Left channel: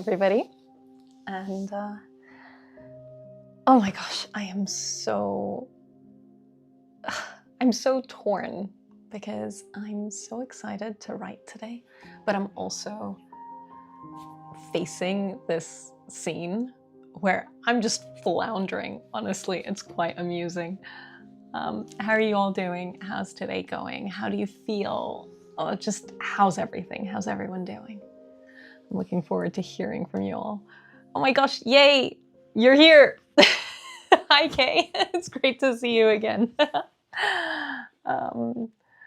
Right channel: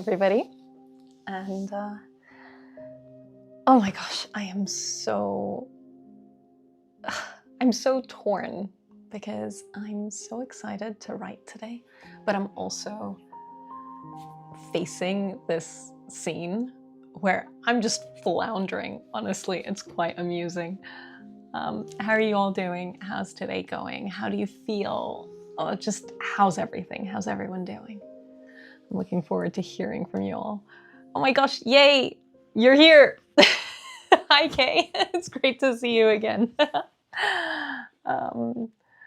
everybody. And oh my gosh, I'm so torn because I'm so excited to write today, but I'm also facing this scene where I'm just floundering. Honestly, it's quite amusing. How are you all doing? How's today going? How do you feel? Just how's everything? How's everyone doing? I'm looking forward to hearing from you all. Oh my gosh, yay! You're here! Hi, Kay. It's great to see you again. I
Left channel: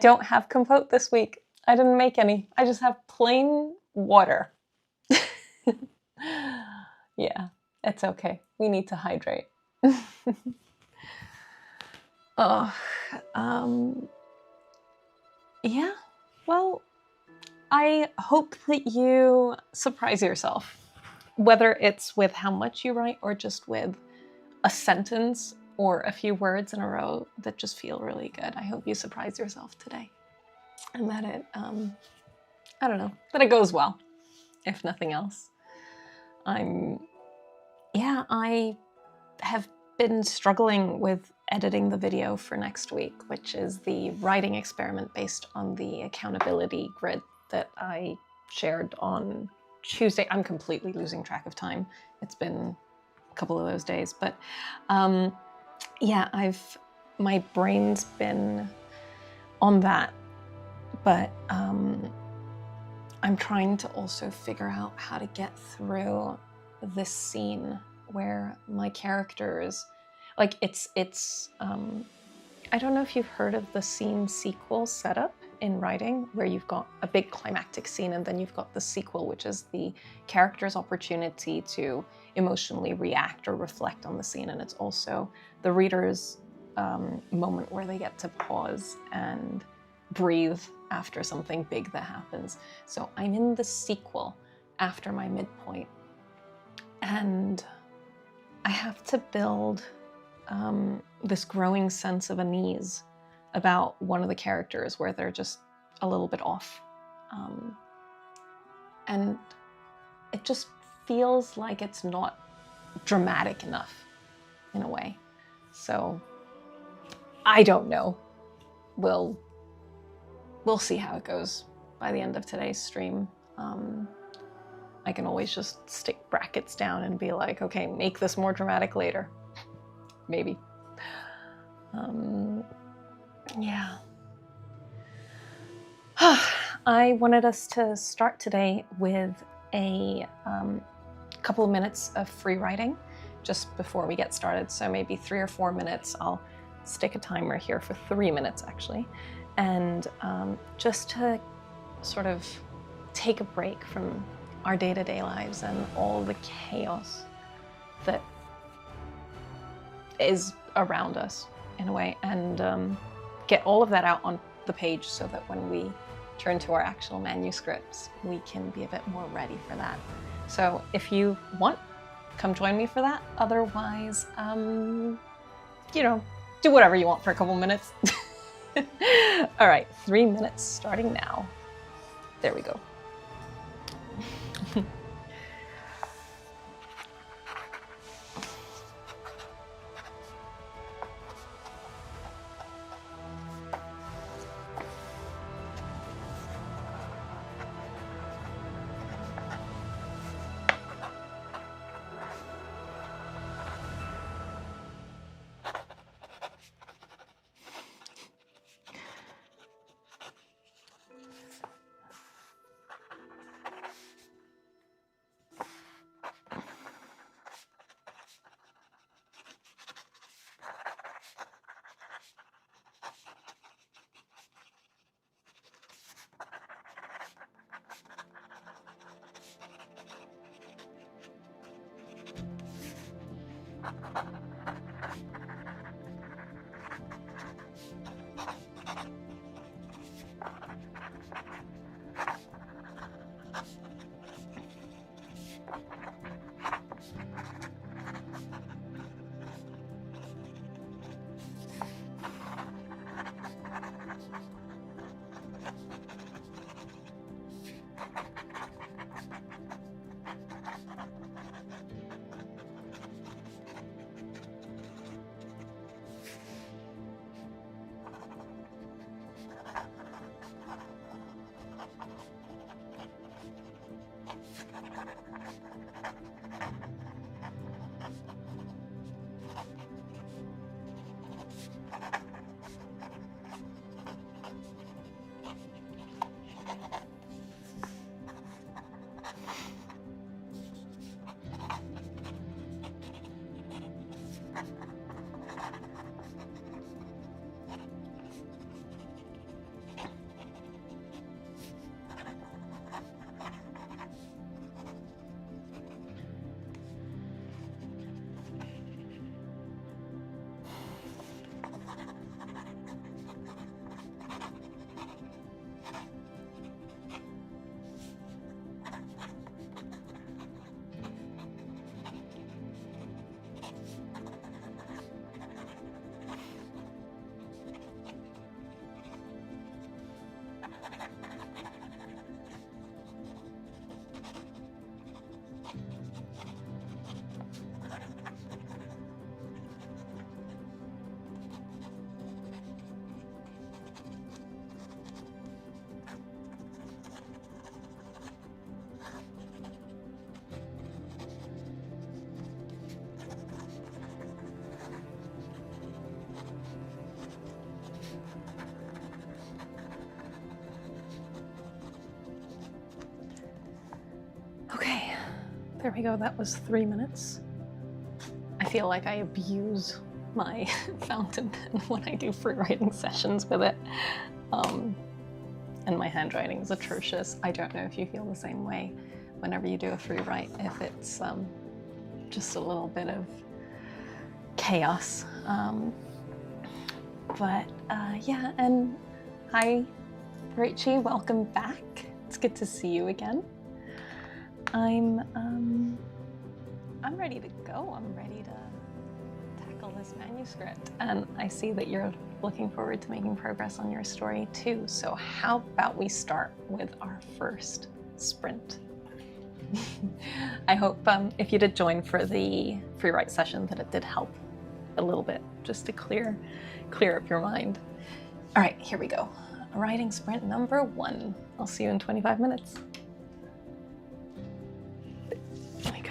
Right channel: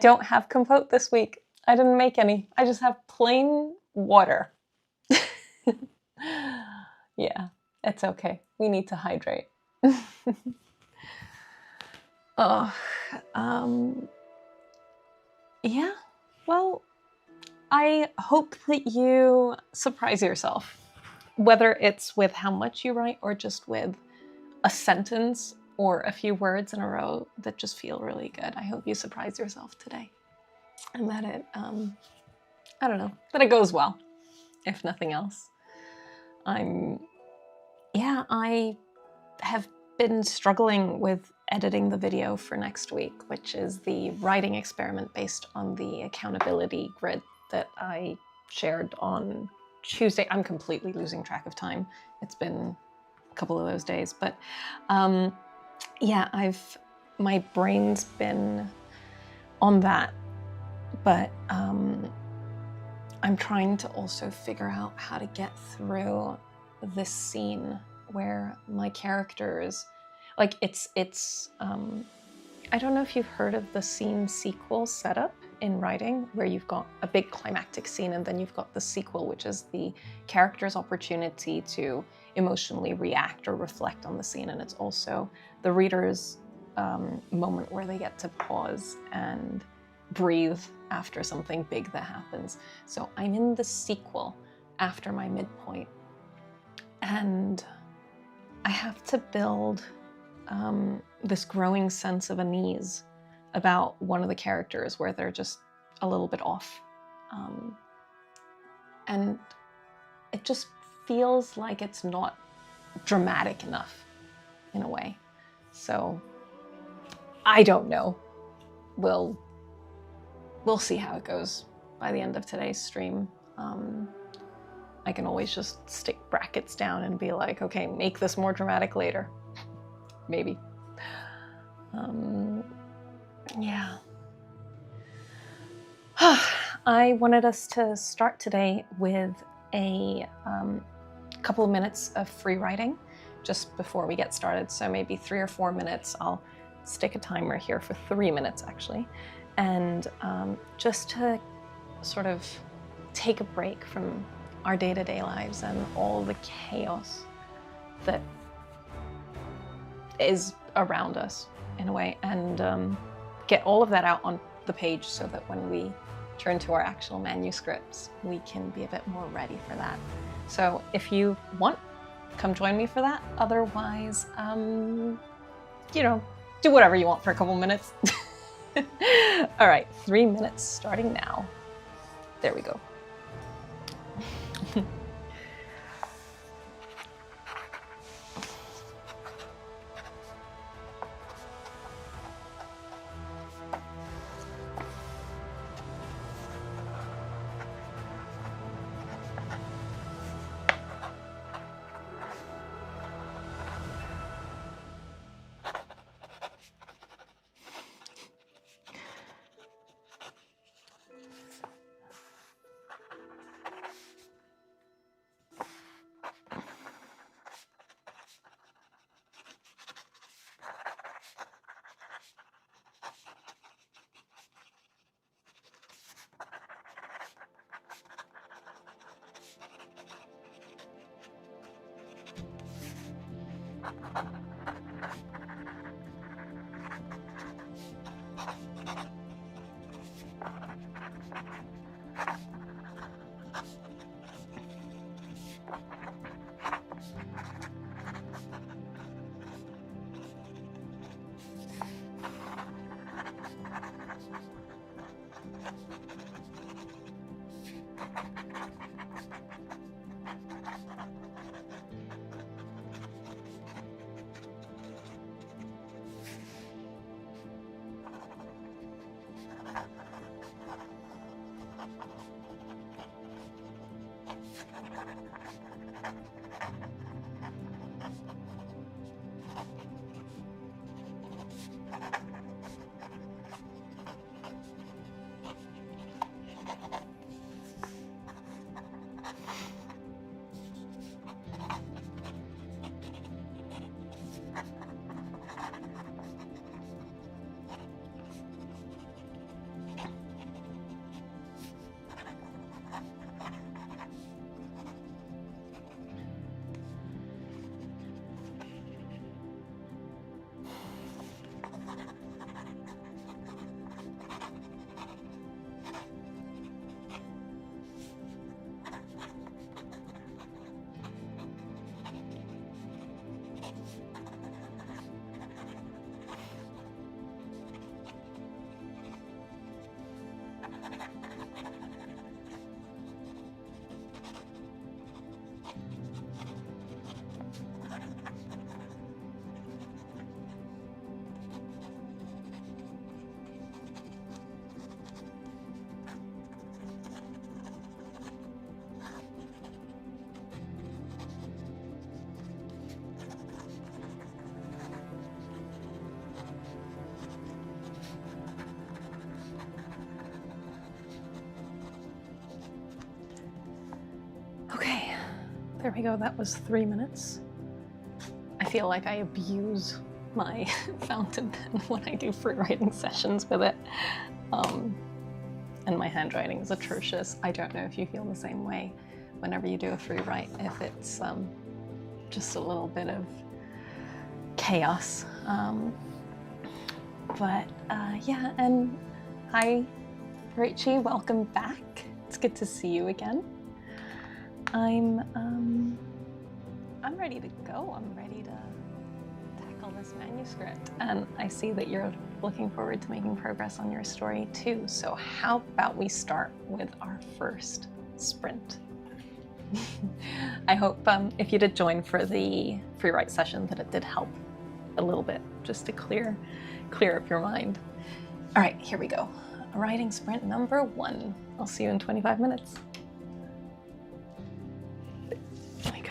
don't have compote this week. I didn't make any. I just have plain water. Yeah, it's okay. We need to hydrate. Yeah, well, I hope that you surprise yourself, whether it's with how much you write or just with a sentence or a few words in a row that just feel really good. I hope you surprise yourself today and that it, I don't know, that it goes well, if nothing else. I have been struggling with editing the video for next week, which is the writing experiment based on the accountability grid that I shared on Tuesday. I'm completely losing track of time. It's been a couple of those days, but yeah, my brain's been on that, but I'm trying to also figure out how to get through this scene where my characters, like it's I don't know if you've heard of the scene sequel setup in writing, where you've got a big climactic scene and then you've got the sequel, which is the character's opportunity to emotionally react or reflect on the scene. And it's also the reader's moment where they get to pause and breathe after something big that happens. So I'm in the sequel after my midpoint, and I have to build this growing sense of unease about one of the characters where they're just a little bit off. And it just feels like it's not dramatic enough in a way. So I don't know. We'll see how it goes by the end of today's stream. I can always just stick brackets down and be like, okay, make this more dramatic later. Maybe. Yeah. I wanted us to start today with a couple of minutes of free writing just before we get started. So maybe 3 or 4 minutes. I'll stick a timer here for 3 minutes actually. And just to sort of take a break from our day-to-day lives and all the chaos that is around us in a way, and get all of that out on the page so that when we turn to our actual manuscripts, we can be a bit more ready for that. So if you want, come join me for that. Otherwise, you know, do whatever you want for a couple minutes. All right, 3 minutes starting now. There we go. Okay, there we go. That was 3 minutes. I feel like I abuse my fountain pen when I do free writing sessions with it. And my handwriting is atrocious. I don't know if you feel the same way whenever you do a free write, if it's just a little bit of chaos. Yeah, and hi, Rachie, welcome back. It's good to see you again. I'm ready to go. I'm ready to tackle this manuscript. And I see that you're looking forward to making progress on your story too. So how about we start with our first sprint? I hope if you did join for the free write session that it did help a little bit just to clear up your mind. All right, here we go. Writing sprint number 1. I'll see you in 25 minutes. There we go.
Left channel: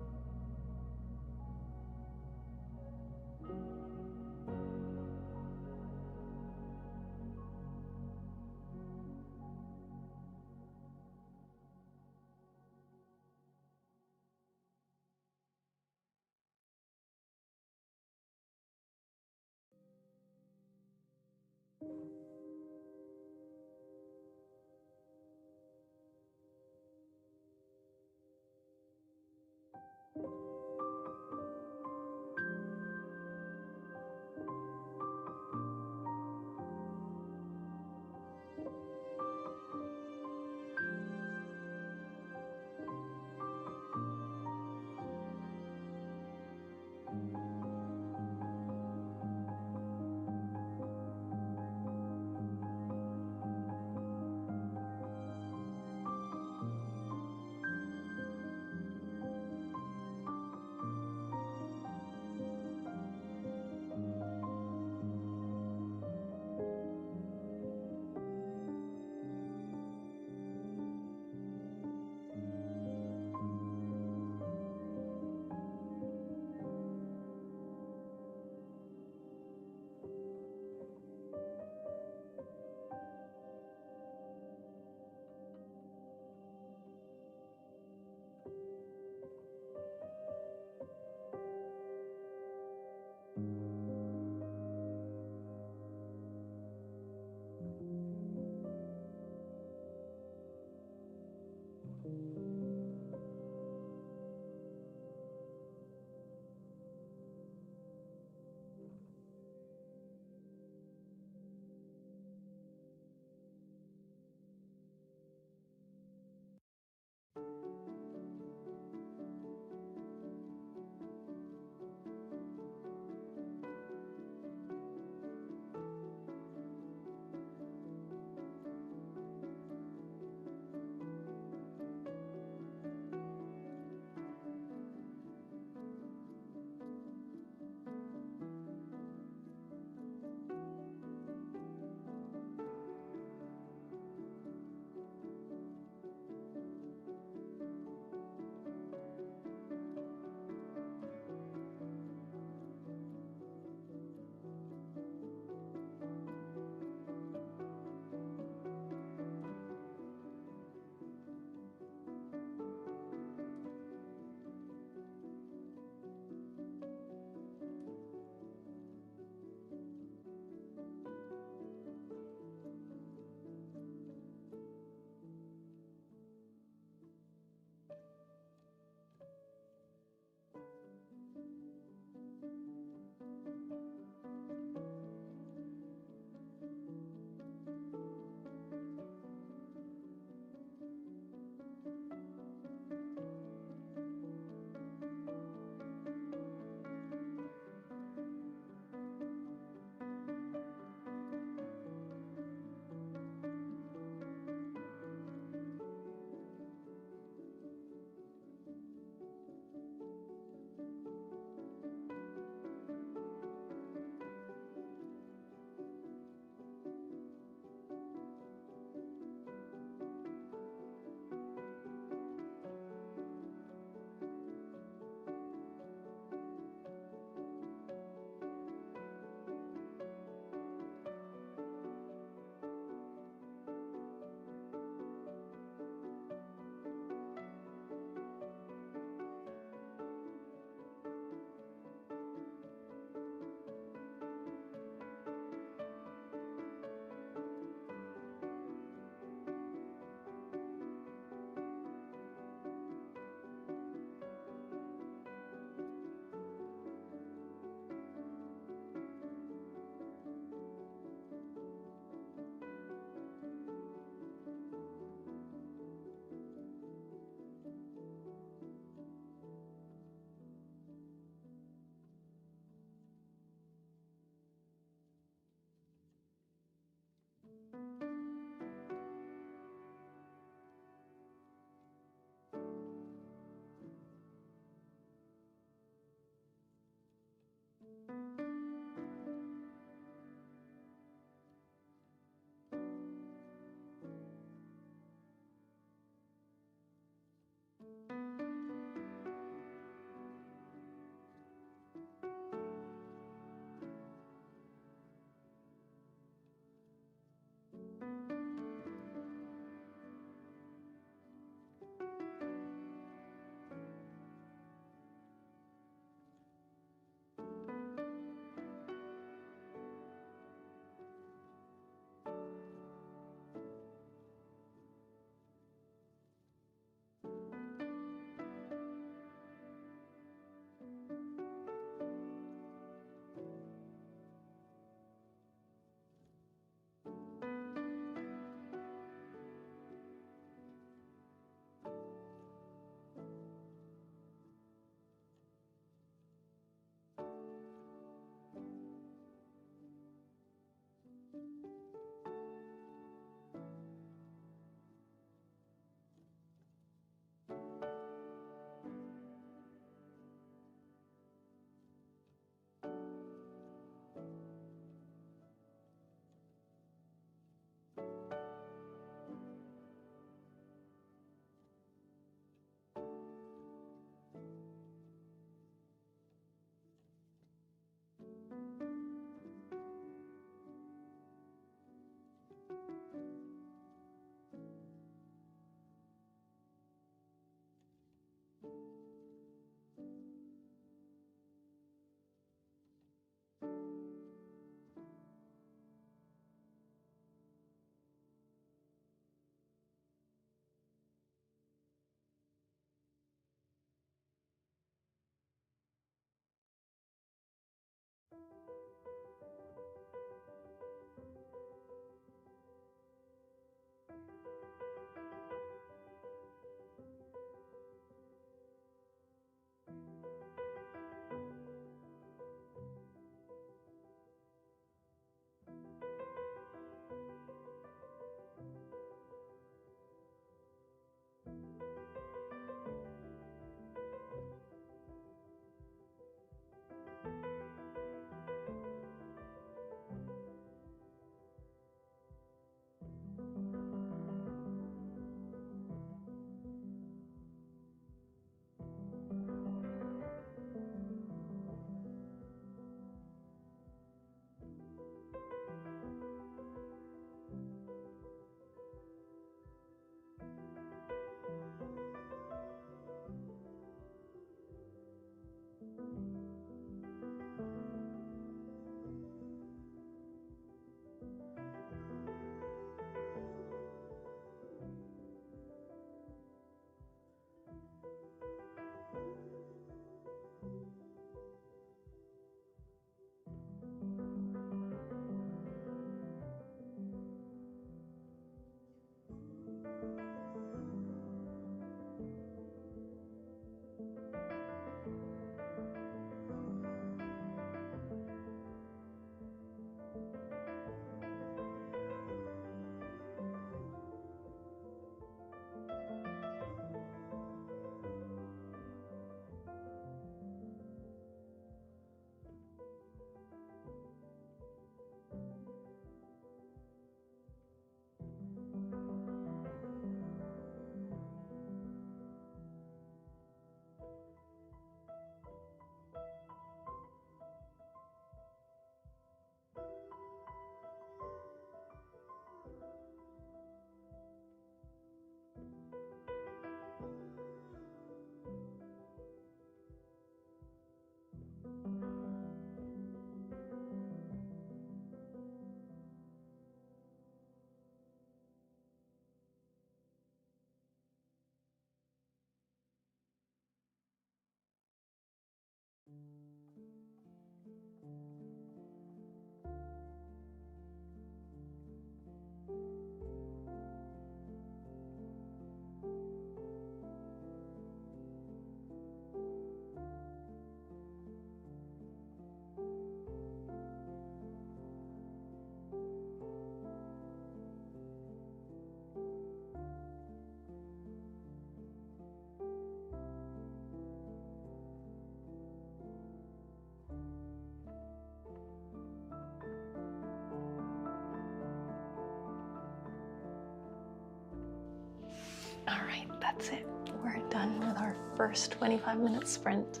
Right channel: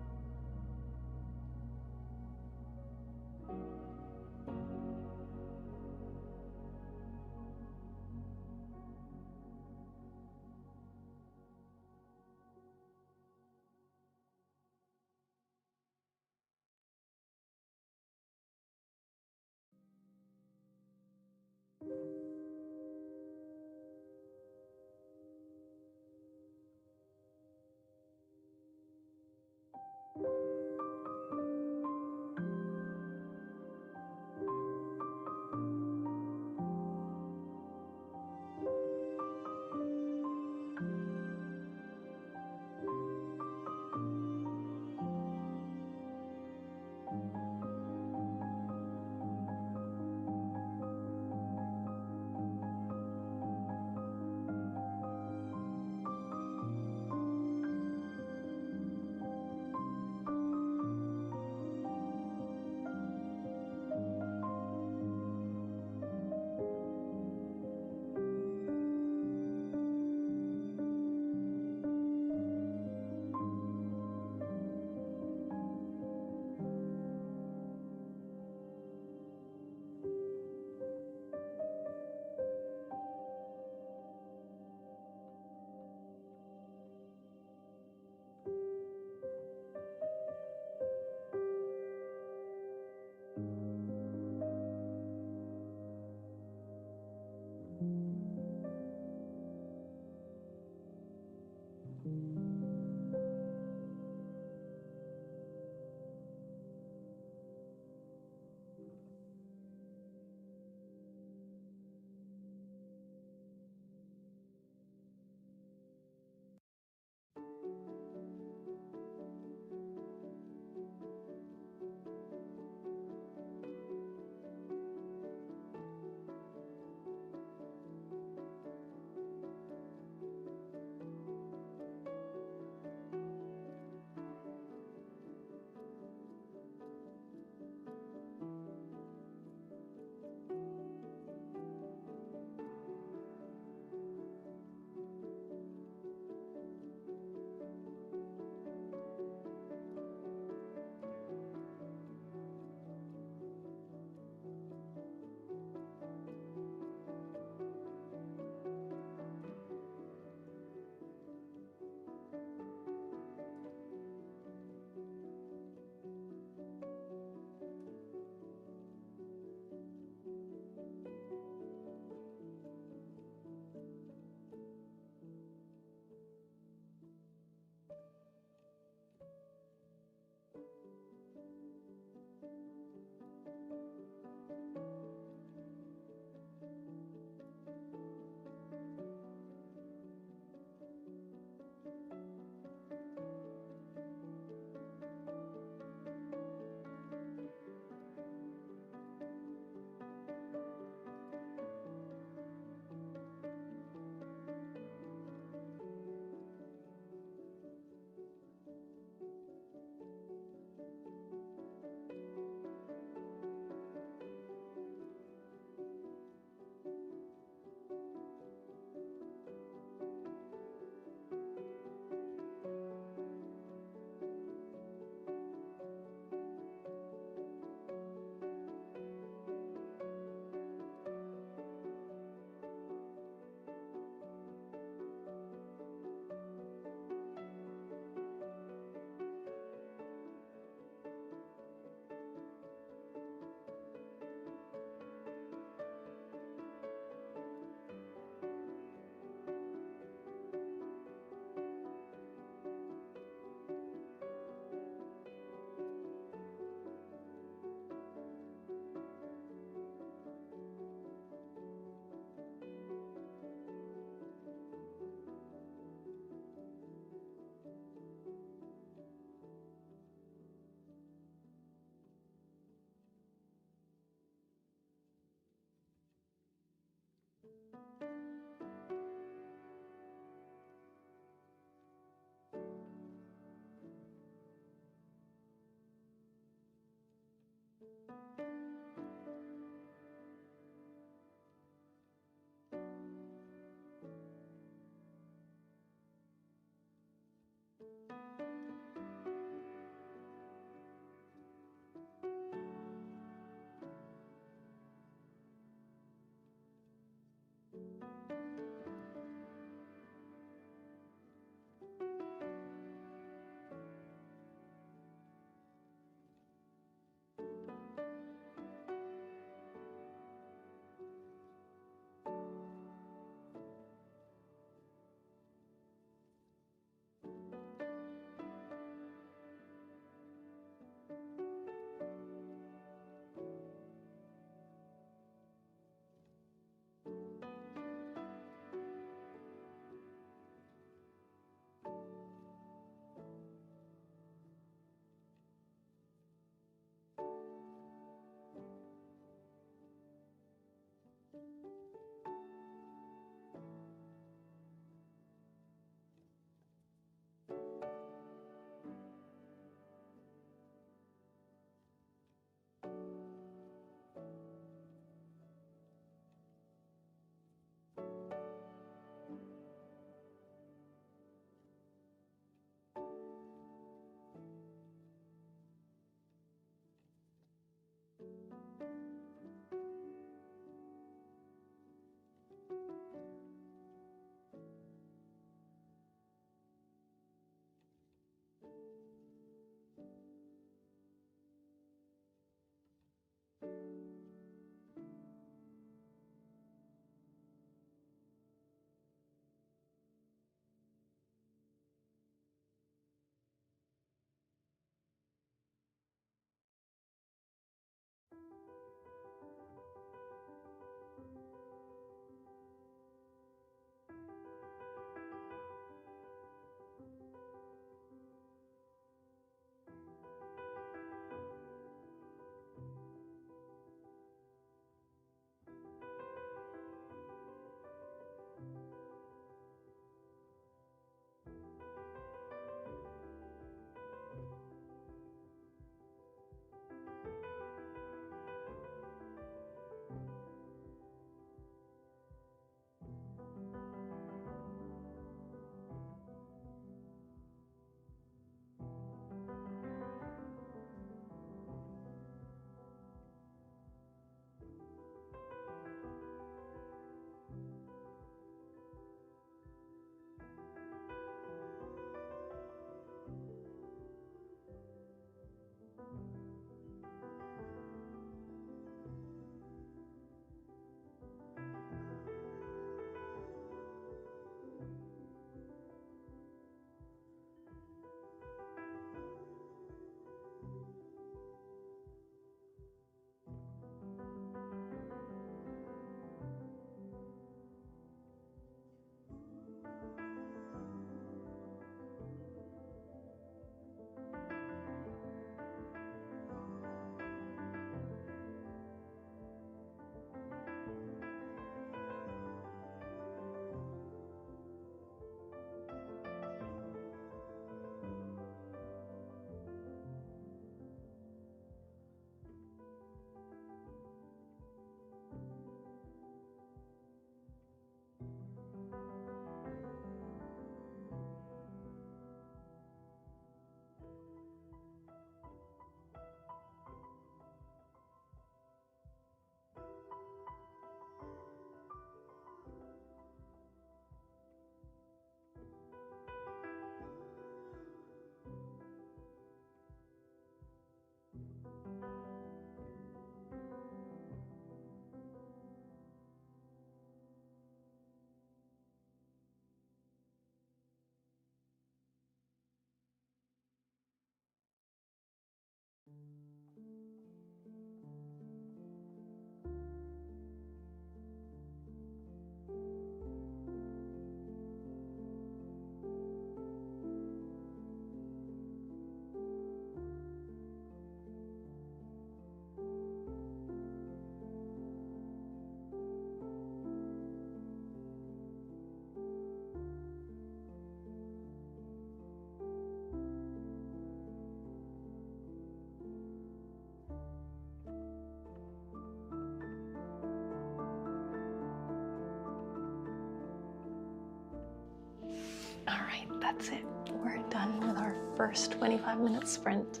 that's it. We're done with our first 25-minute sprint.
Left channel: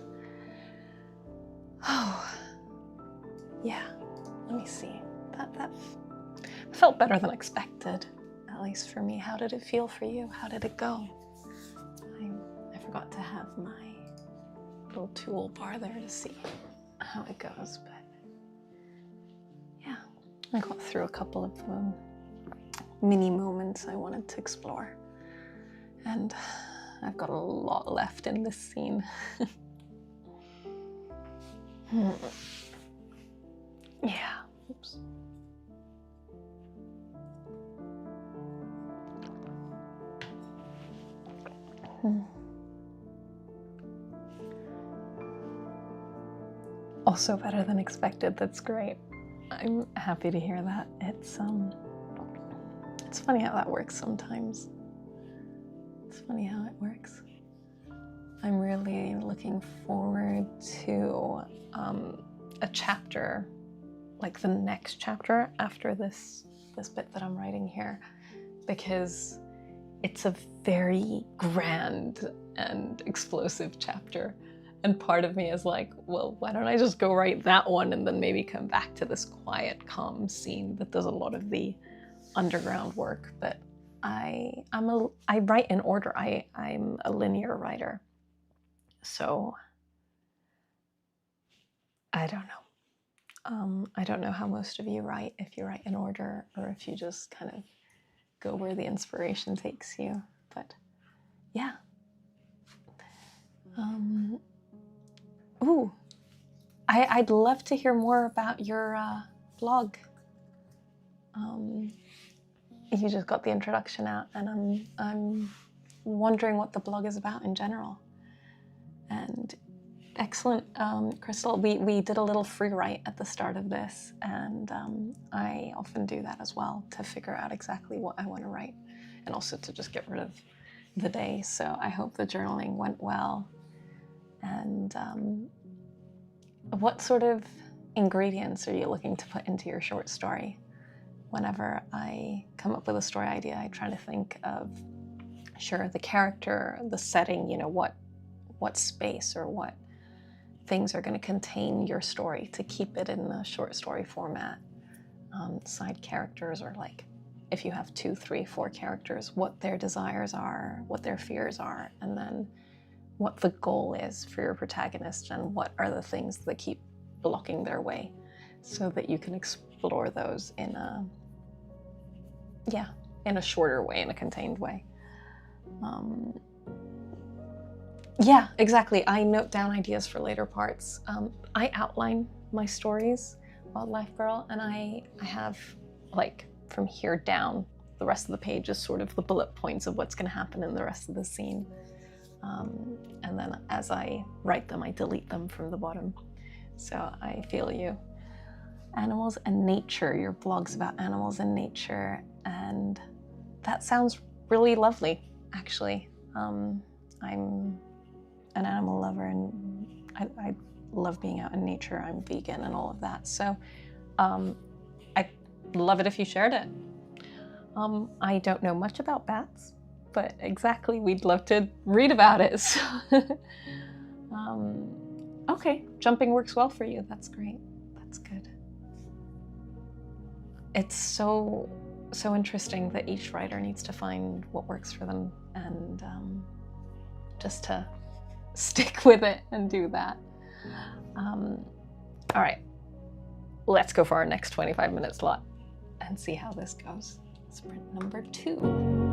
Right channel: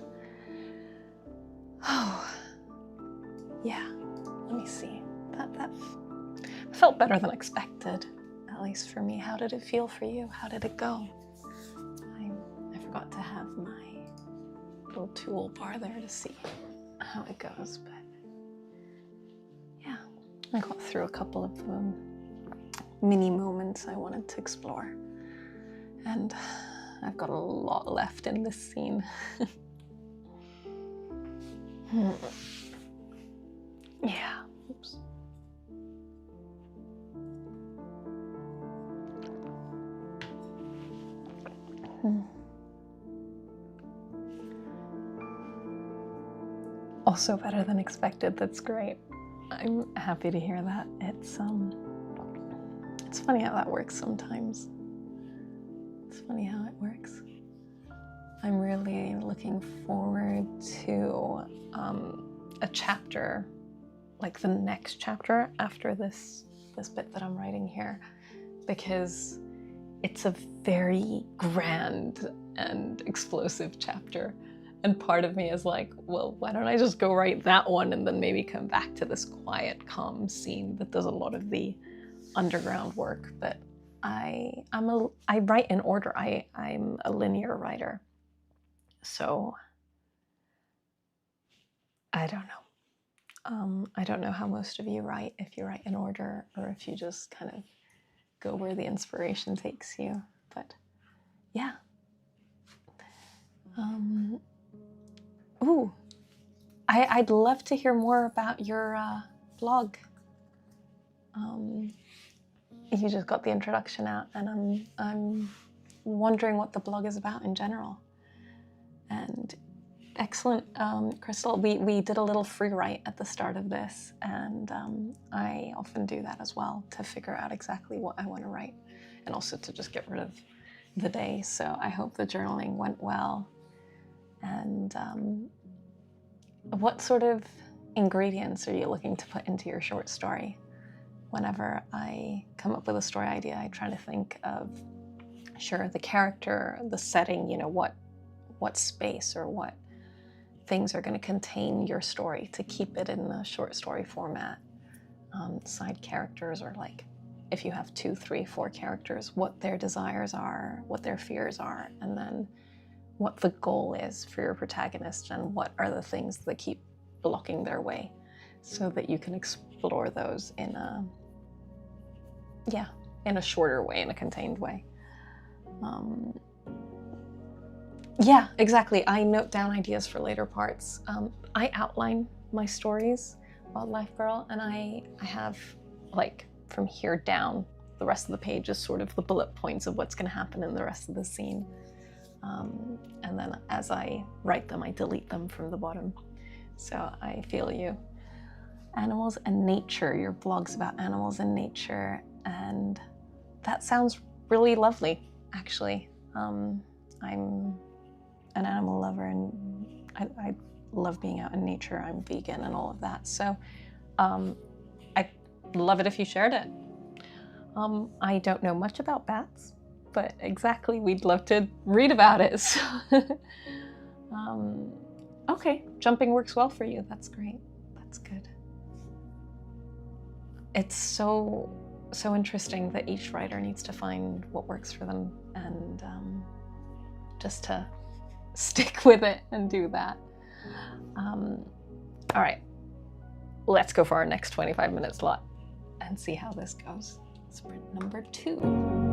Oh, yeah. Let me see. That felt better than expected, at least for me. How did it feel for you? How did it go? I forgot to have my little toolbar there to see how it goes, but yeah, I got through a couple of mini moments I wanted to explore, and I've got a lot left in this scene. Yeah. Oops. Also better than expected. That's great. I'm happy to hear that. It's funny how that works sometimes. It's funny how it works. I'm really looking forward to a chapter, like the next chapter after this bit that I'm writing here, because it's a very grand and explosive chapter. And part of me is like, well, why don't I just go write that one and then maybe come back to this quiet, calm scene that does a lot of the underground work. But I write in order. I'm a linear writer. So I don't know. I don't know how most of you write, if you write in order or if you just kind of go where the inspiration takes you. But yeah. Ooh, I'd love to hear more about your blog. You just got the introduction out, and I'm wondering what the blog is about in general. And excellent, Crystal. We did a little free write at the start of this, and I often do that as well to figure out exactly what I want to write, and also to just get rid of the day. So I hope the journaling went well. And what sort of ingredients are you looking to put into your short story? Whenever I come up with a story idea, I try to think of, sure, the character, the setting, what space or what things are going to contain your story to keep it in the short story format. Side characters, or like if you have 2, 3, 4 characters, what their desires are, what their fears are, and then what the goal is for your protagonist and what are the things that keep blocking their way, so that you can explore those in a shorter way, in a contained way. Yeah, exactly. I note down ideas for later parts. I outline my stories, Wildlife Girl, and I have, like, from here down, the rest of the page is sort of the bullet points of what's going to happen in the rest of the scene. And then as I write them, I delete them from the bottom. So I feel you. Animals and nature. Your blog's about animals and nature, and that sounds really lovely, actually. I'm an animal lover, and I love being out in nature. I'm vegan and all of that. So I'd love it if you shared it. I don't know much about bats, but exactly, we'd love to read about it. So okay, jumping works well for you. That's great. That's good. It's so interesting that each writer needs to find what works for them, and just to stick with it and do that. All right, let's go for our next 25-minute slot and see how this goes. Sprint number 2.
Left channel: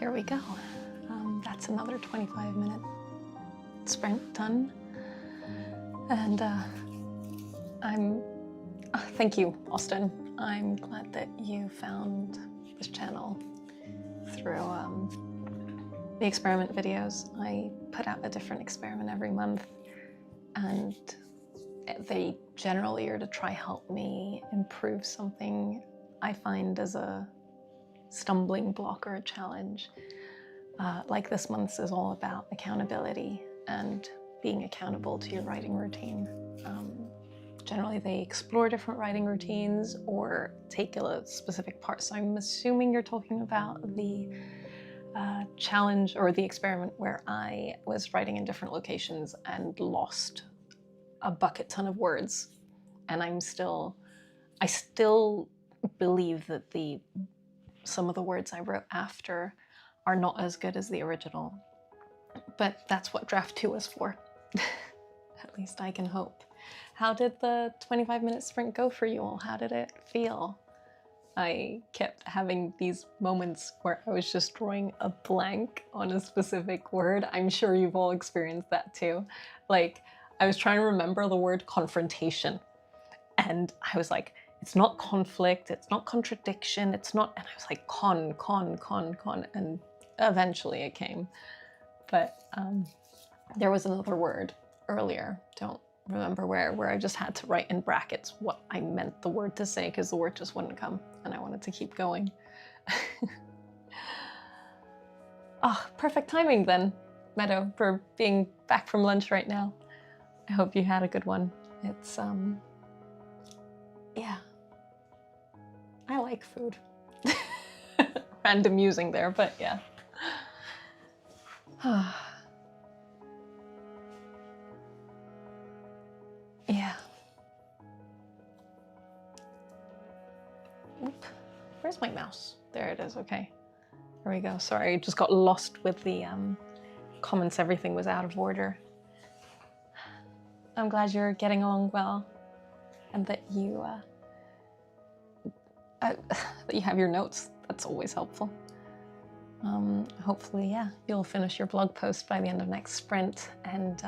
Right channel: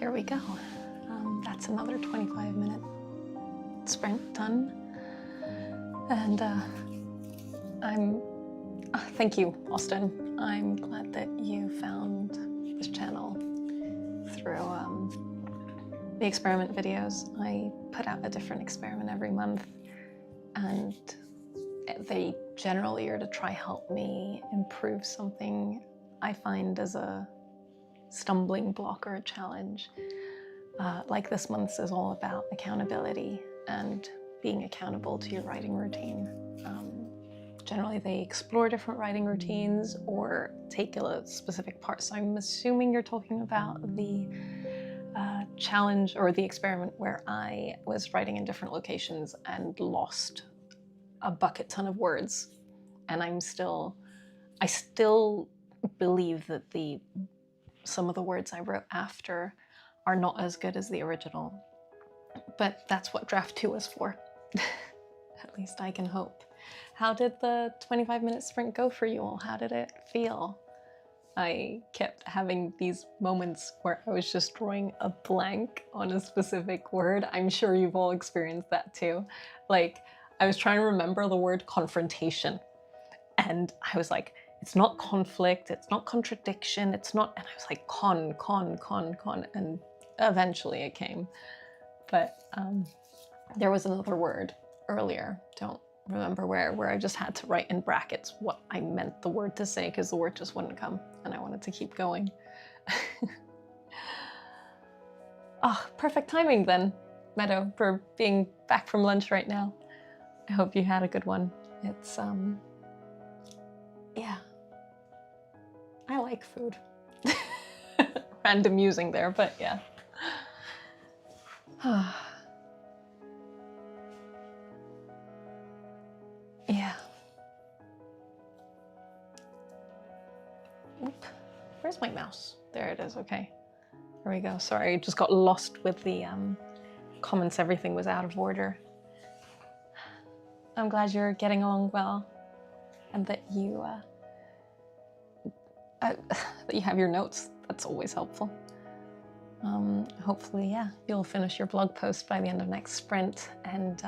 Here we go. That's another 25-minute sprint done. And I'm thank you, Austin. I'm glad that you found this channel through the experiment videos. I put out a different experiment every month, and they generally are to try help me improve something I find as a stumbling block or a challenge. Like this month's is all about accountability and being accountable to your writing routine. Generally they explore different writing routines or take a specific part. So I'm assuming you're talking about the challenge or the experiment where I was writing in different locations and lost a bucket ton of words. And I still believe that some of the words I wrote after are not as good as the original. But that's what draft 2 is for. At least I can hope. How did the 25-minute sprint go for you all? How did it feel? I kept having these moments where I was just drawing a blank on a specific word. I'm sure you've all experienced that too. Like, I was trying to remember the word confrontation, and I was like, it's not conflict, it's not contradiction, it's not, and I was like, con, and eventually it came. But there was another word earlier, don't remember where I just had to write in brackets what I meant the word to say because the word just wouldn't come and I wanted to keep going. Oh, perfect timing then, Meadow, for being back from lunch right now. I hope you had a good one. It's, yeah. I like food. Random musing there, but yeah. Yeah. Oop. Where's my mouse? There it is, okay. There we go. Sorry, I just got lost with the comments. Everything was out of order. I'm glad you're getting along well and that you that you have your notes. That's always helpful. Hopefully, yeah, you'll finish your blog post by the end of next sprint, and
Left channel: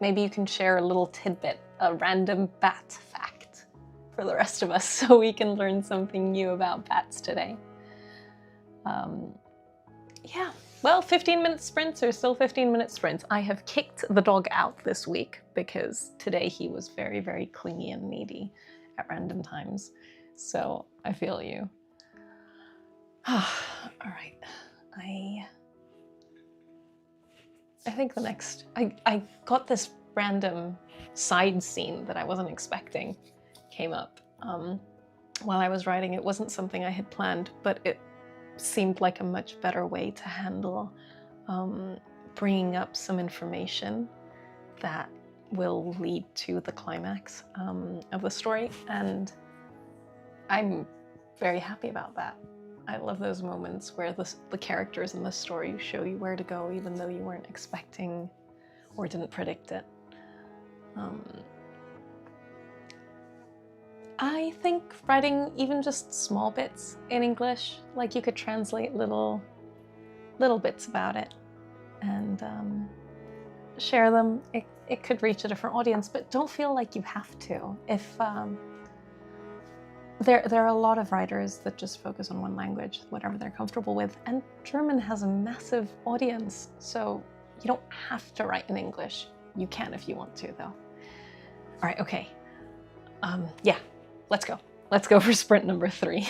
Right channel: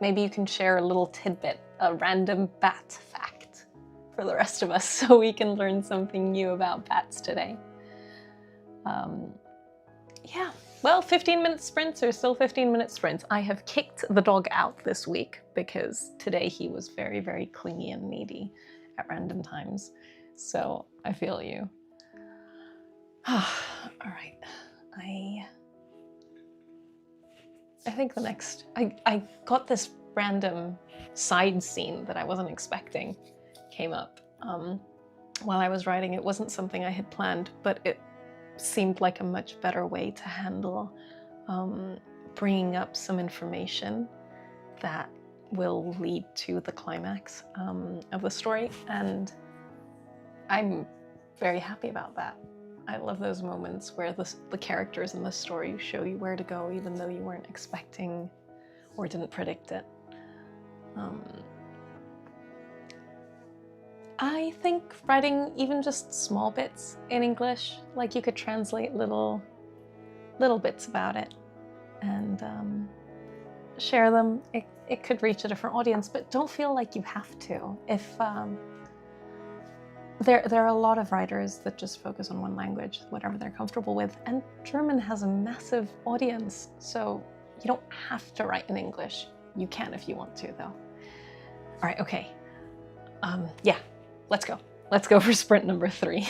maybe you can share a little tidbit, a random bat fact for the rest of us so we can learn something new about bats today. Yeah, well, 15-minute sprints are still 15-minute sprints. I have kicked the dog out this week because today he was very, very clingy and needy at random times. So I feel you. All right. I think the next, I got this random side scene that I wasn't expecting came up while I was writing. It wasn't something I had planned, but it seemed like a much better way to handle bringing up some information that will lead to the climax of the story, and I'm very happy about that. I love those moments where the characters in the story show you where to go even though you weren't expecting or didn't predict it. I think writing even just small bits in English, like you could translate little bits about it and share them. It could reach a different audience, but don't feel like you have to. If there are a lot of writers that just focus on one language, whatever they're comfortable with, and German has a massive audience, so you don't have to write in English. You can if you want to, though. All right, okay. Yeah, let's go. Let's go for sprint number 3.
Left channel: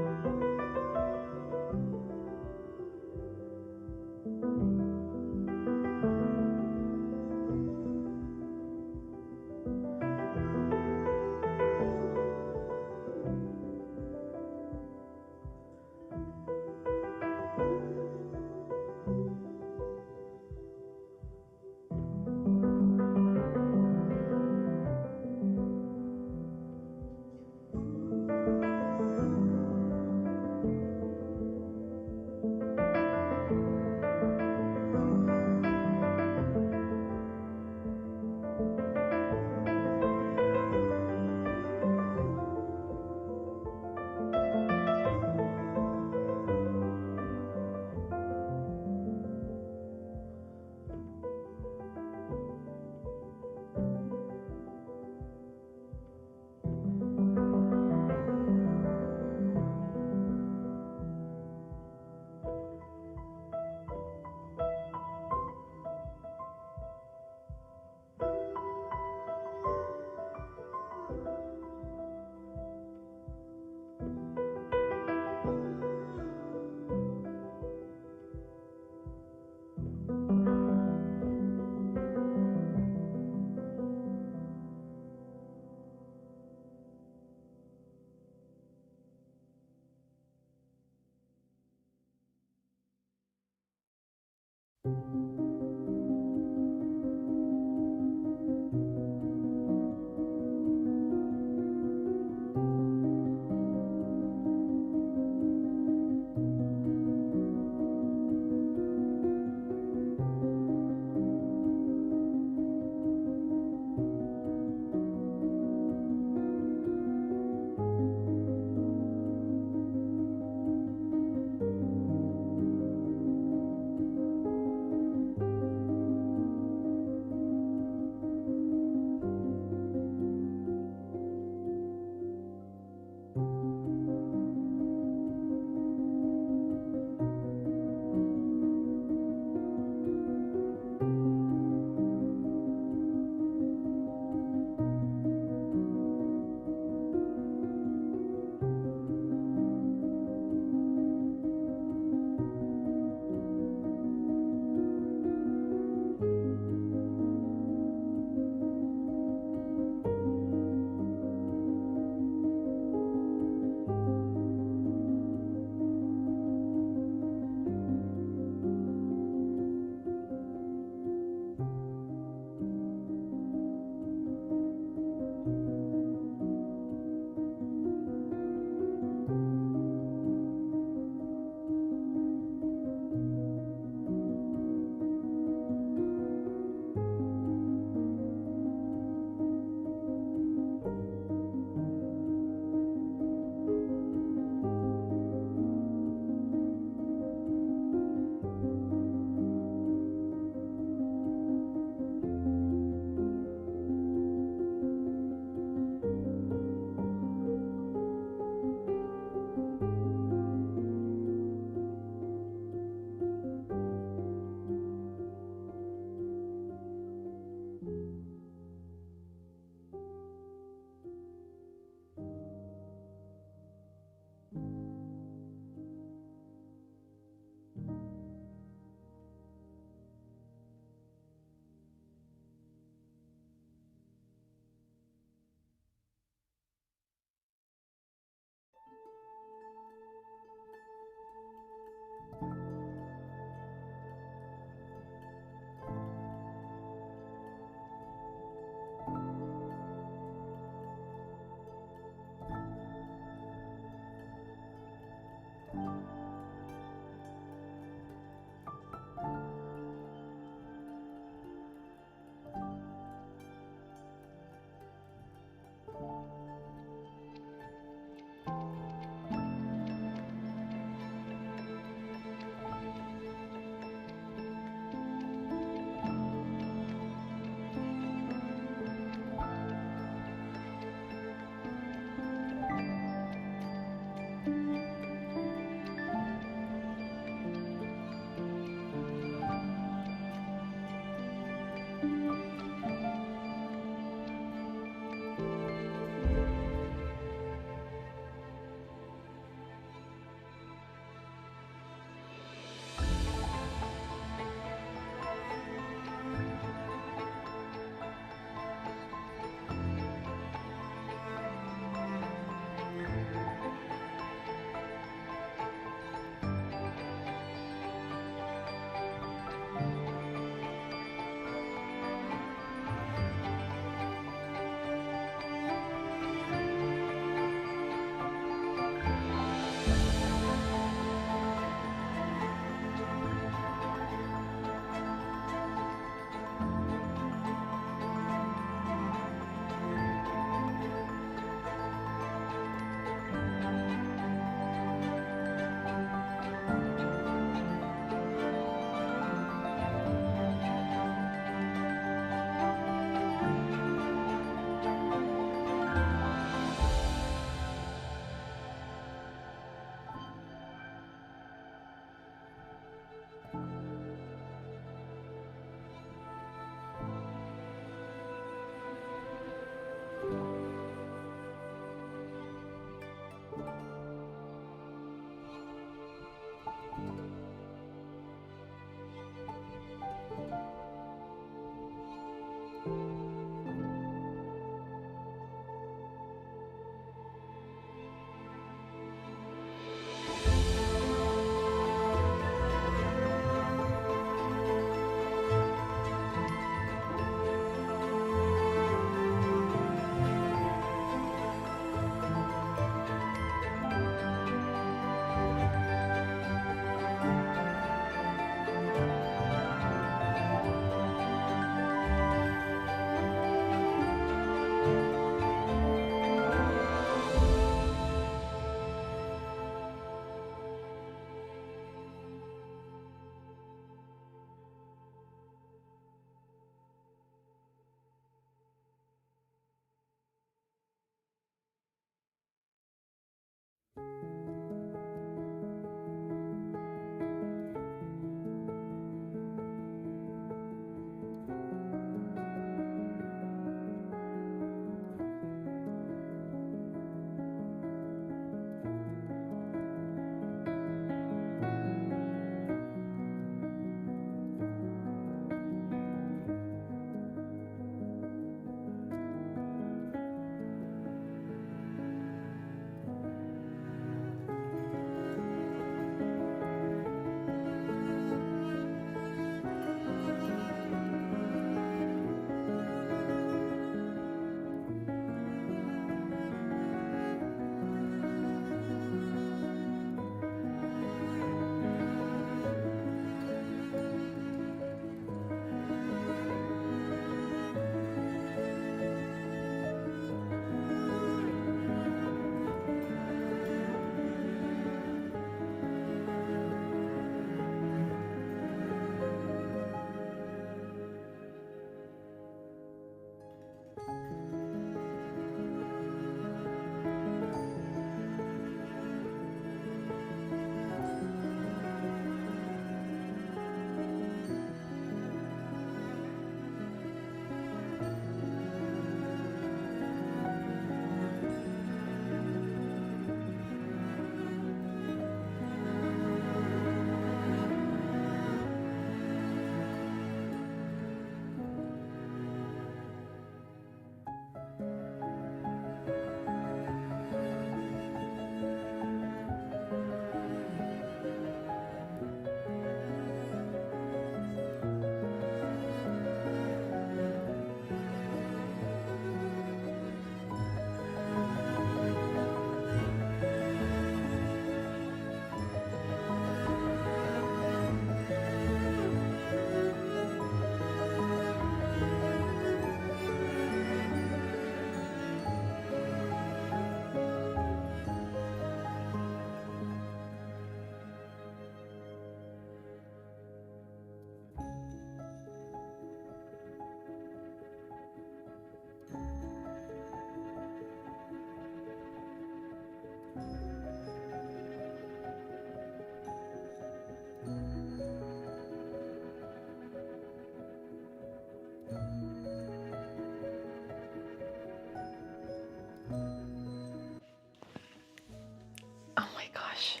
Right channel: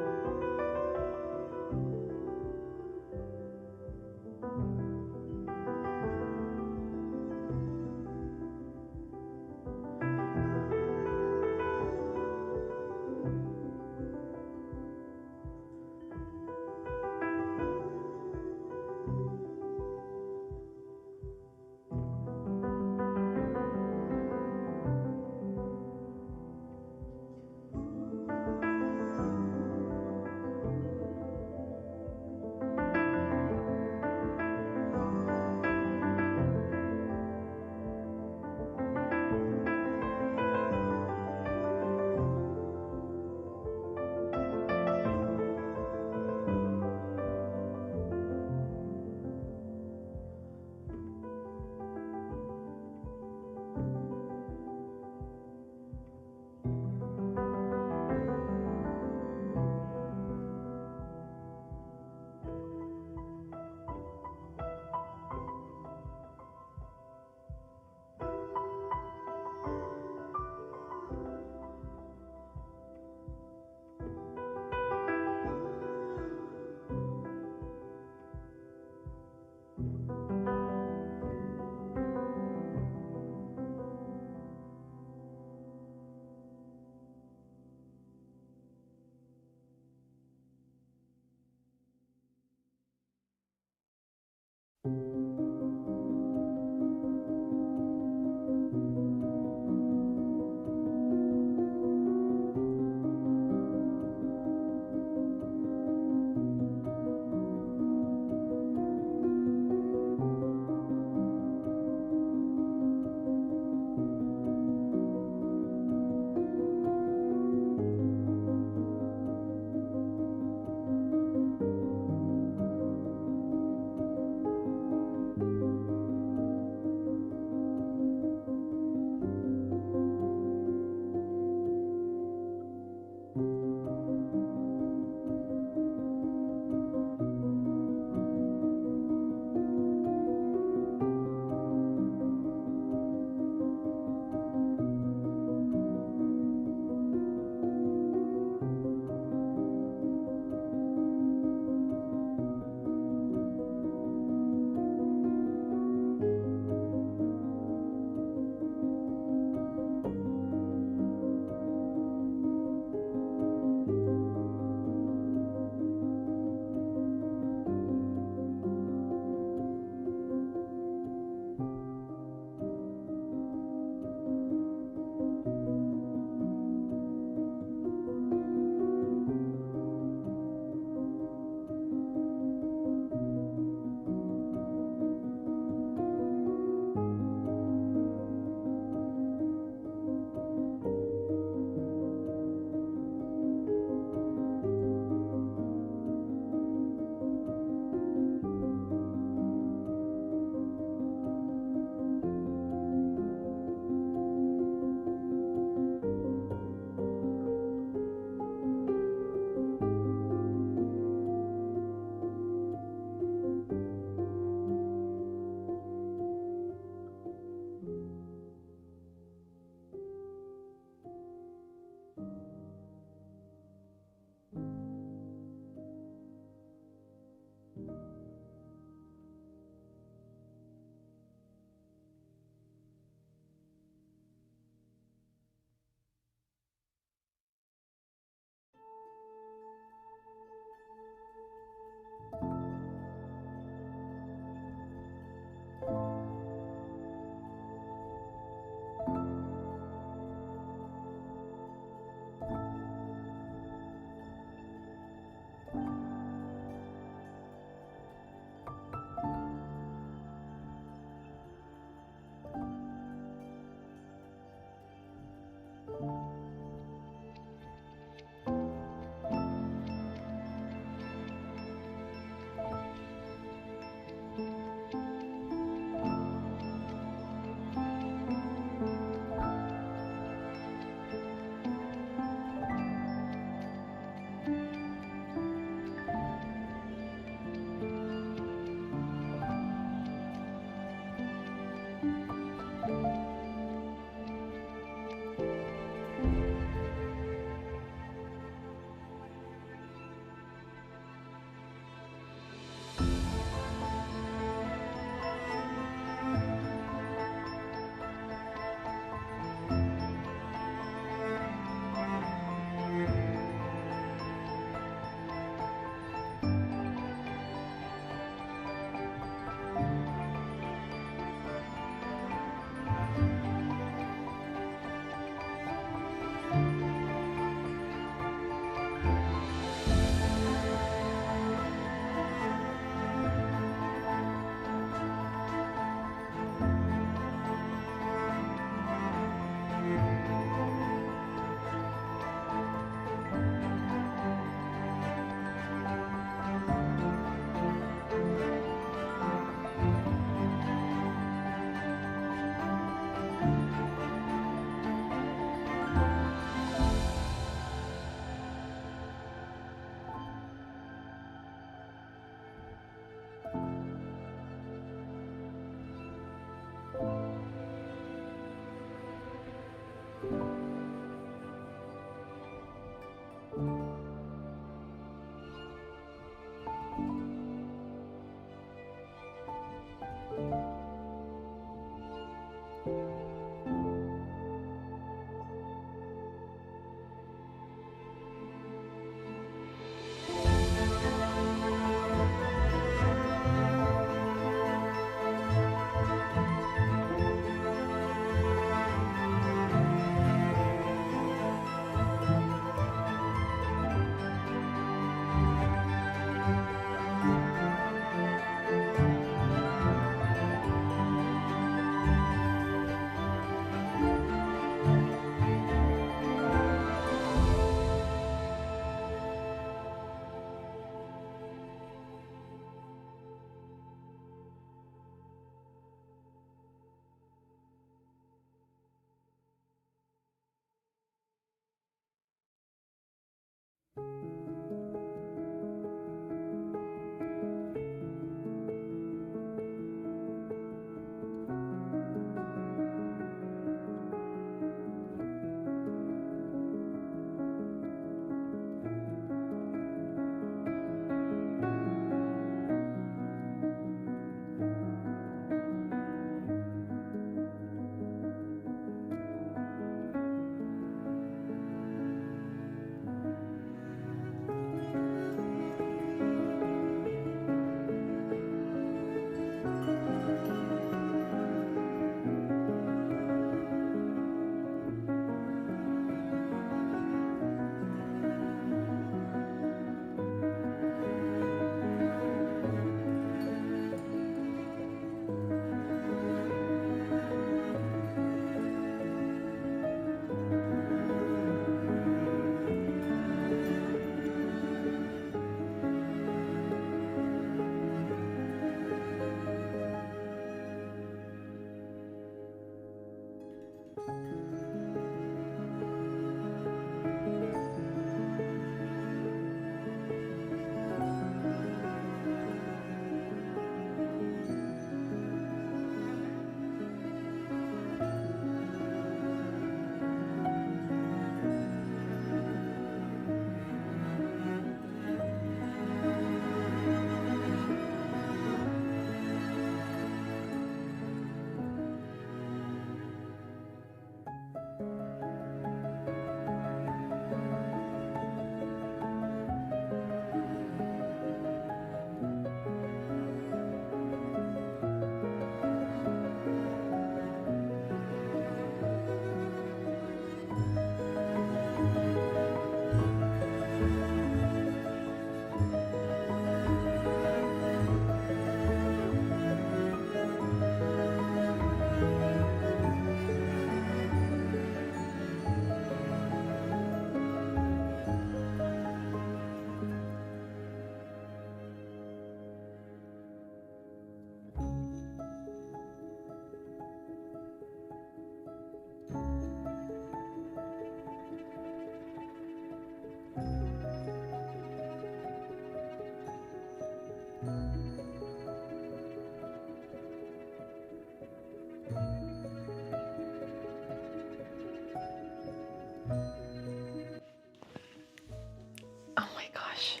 Oh my gosh.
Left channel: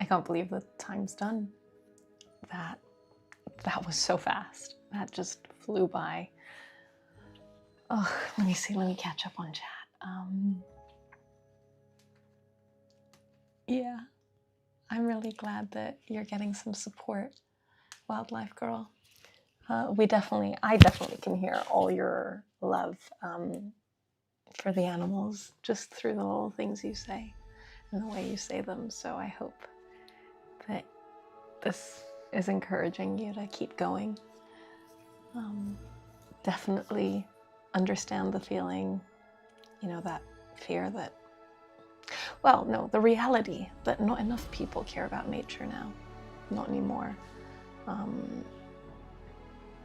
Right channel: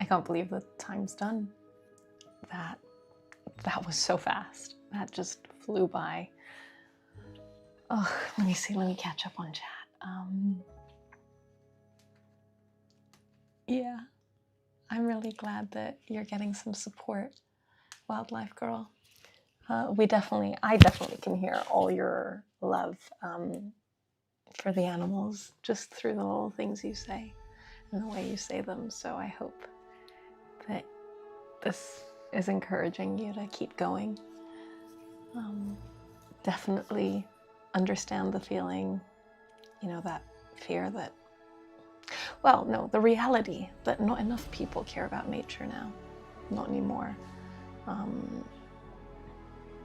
I can't believe the time's done. That was so fast. That just flew by. Oh, let me see. Let me catch up on chat. Yeah, I'm really glad that you're getting some support, Wildlife Girl. I definitely can hear all your love for the animals just through the little things you say and the way you say them. So I hope that this is encouraging you to keep going. Definitely understand the feeling, that fear that, well, no, the reality that not enough people care about nature now, not anymore.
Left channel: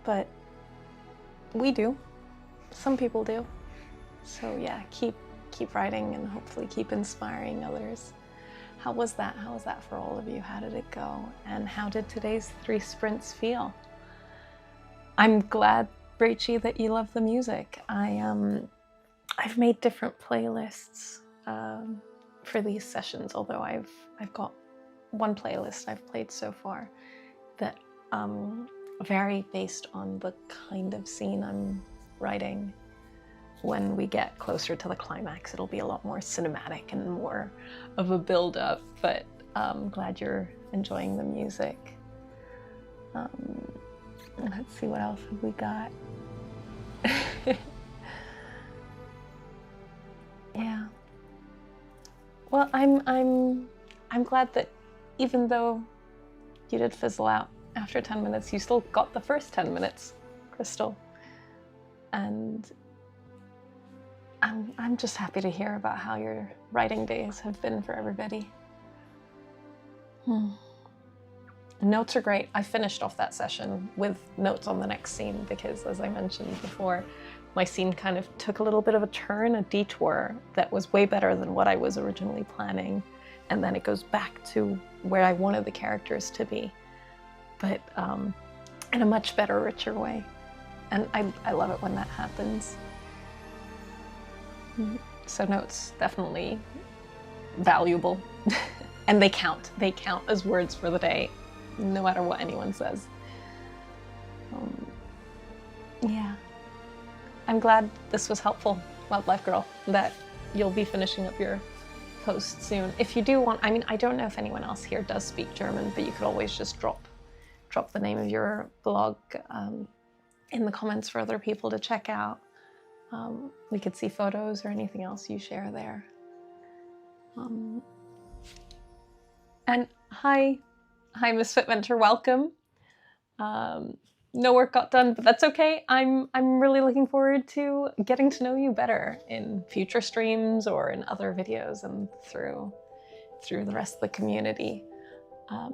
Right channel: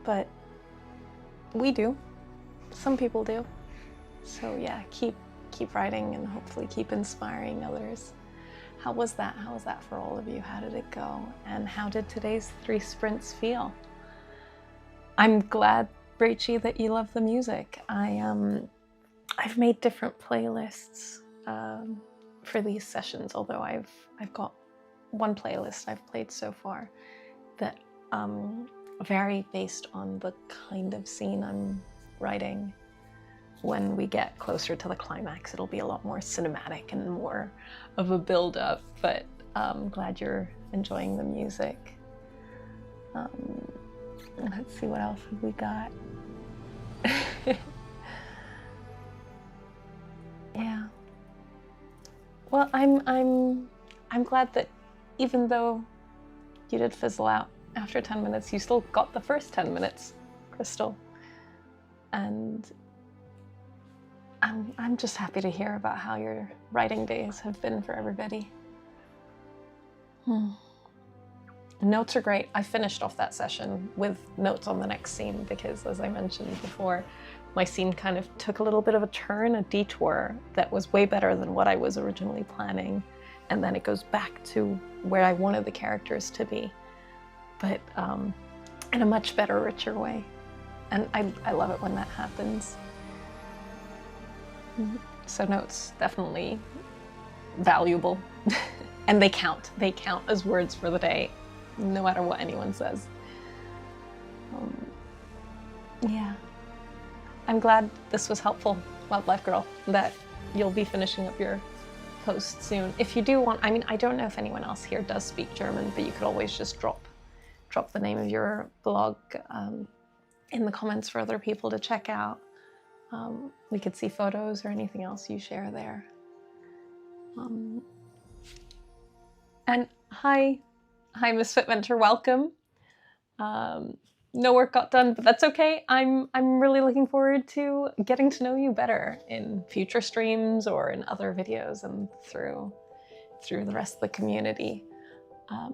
But we do, some people do. So yeah, keep writing and hopefully keep inspiring others. How was that? How was that for all of you? How did it go? And how did today's 3 sprints feel? I'm glad, Rachie, that you love the music. I've made different playlists for these sessions, although I've got one playlist I've played so far that vary based on the kind of scene I'm writing. When we get closer to the climax, it'll be a lot more cinematic and more of a build-up, but I'm glad you're enjoying the music. Let's see, what else have we got? Yeah. Well, I'm glad that even though you did fizzle out after 10 minutes, you still got the first 10 minutes, Crystal. And I'm just happy to hear about how your writing days have been for everybody. Notes are great. I finished off that session with notes on the next scene because, as I mentioned before, my scene kind of took a little bit of a turn, a detour that was way better than what I was originally planning. And then it goes back to where I wanted the characters to be, but in a much better, richer way. And I love it when that happens. So notes, definitely valuable. And they count. They count as words for the day, no matter what anyone says. Yeah. I'm glad this was helpful, Wildlife Girl, that you'll be finishing up your post soon. If you do want, I mean, I don't know if anyone else here does speak German, but you could always just drop the name of your blog in the comments for other people to check out. We could see photos or anything else you share there. And hi Misfit Mentor, welcome. No work got done, but that's okay. I'm really looking forward to getting to know you better in future streams or in other videos and through the rest of the community.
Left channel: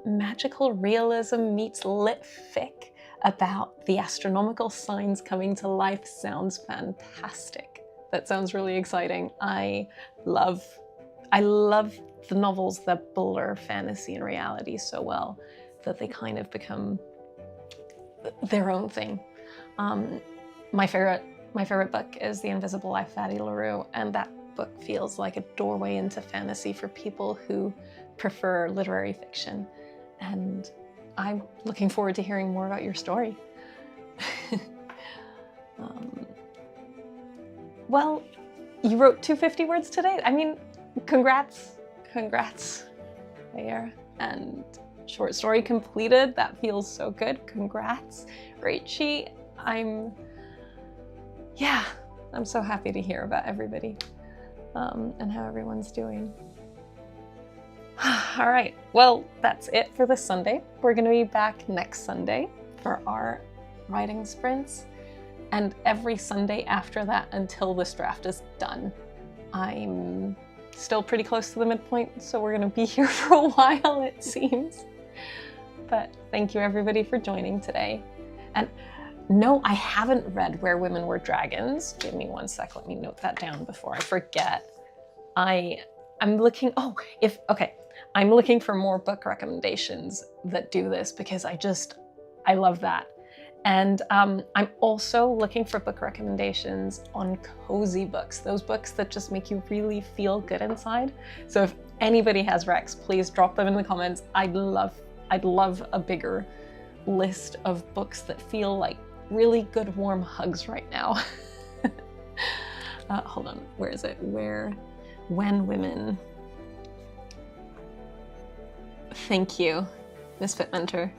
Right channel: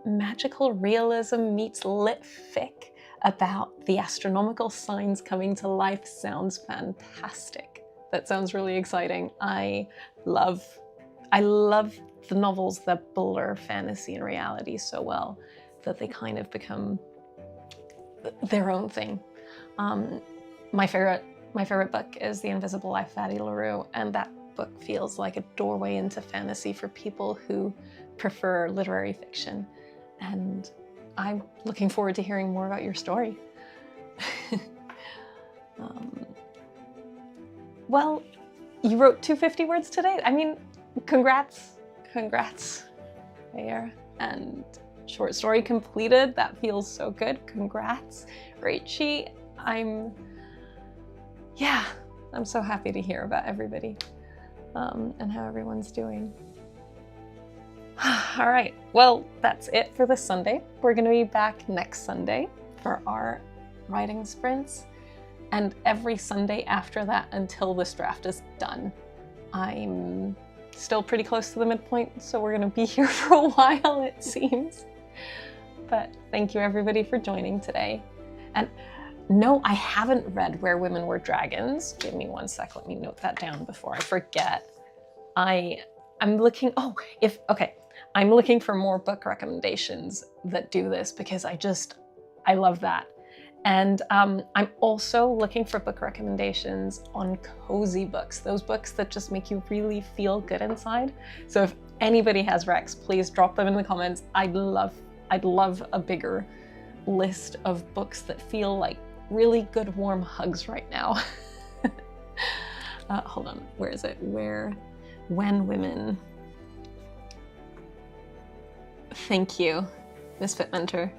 Magical realism meets lit fic about the astronomical signs coming to life sounds fantastic. That sounds really exciting. I love the novels that blur fantasy and reality so well that they kind of become their own thing. My favorite book is The Invisible Life of Addie LaRue, and that book feels like a doorway into fantasy for people who prefer literary fiction. And I'm looking forward to hearing more about your story. Well, you wrote 250 words today. I mean, congrats there. And short story completed. That feels so good. Congrats, Rachie. I'm so happy to hear about everybody and how everyone's doing. All right, well, that's it for this Sunday. We're going to be back next Sunday for our writing sprints, and every Sunday after that until this draft is done. I'm still pretty close to the midpoint, so we're going to be here for a while, it seems. But thank you everybody for joining today. And no, I haven't read Where Women Were Dragons. Give me one sec, let me note that down before I forget. I'm looking for more book recommendations that do this because I love that. And I'm also looking for book recommendations on cozy books, those books that just make you really feel good inside. So if anybody has recs, please drop them in the comments. I'd love a bigger list of books that feel like really good warm hugs right now. Hold on, where is it? When Women. Thank you, Misfit Mentor.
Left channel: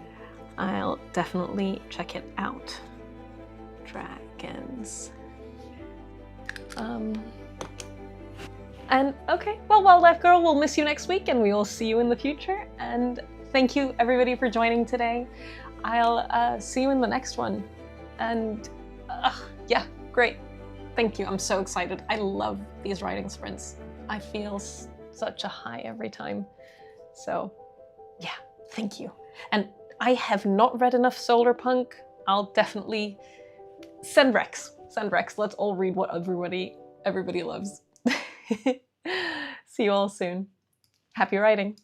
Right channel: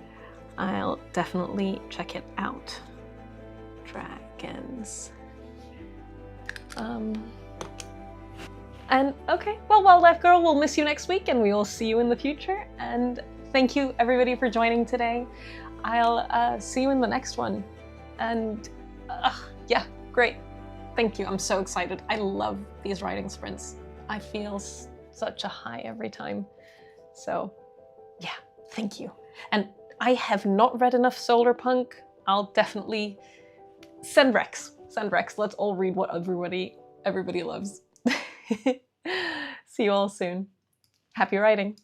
I'll definitely check it out. Dragons. And okay, well, Wildlife Girl, we'll miss you next week and we will see you in the future. And thank you everybody for joining today. I'll see you in the next one. And yeah, great. Thank you, I'm so excited. I love these writing sprints. I feel such a high every time. So yeah, thank you. And I have not read enough solar punk. I'll definitely send recs. Let's all read what everybody loves. See you all soon. Happy writing.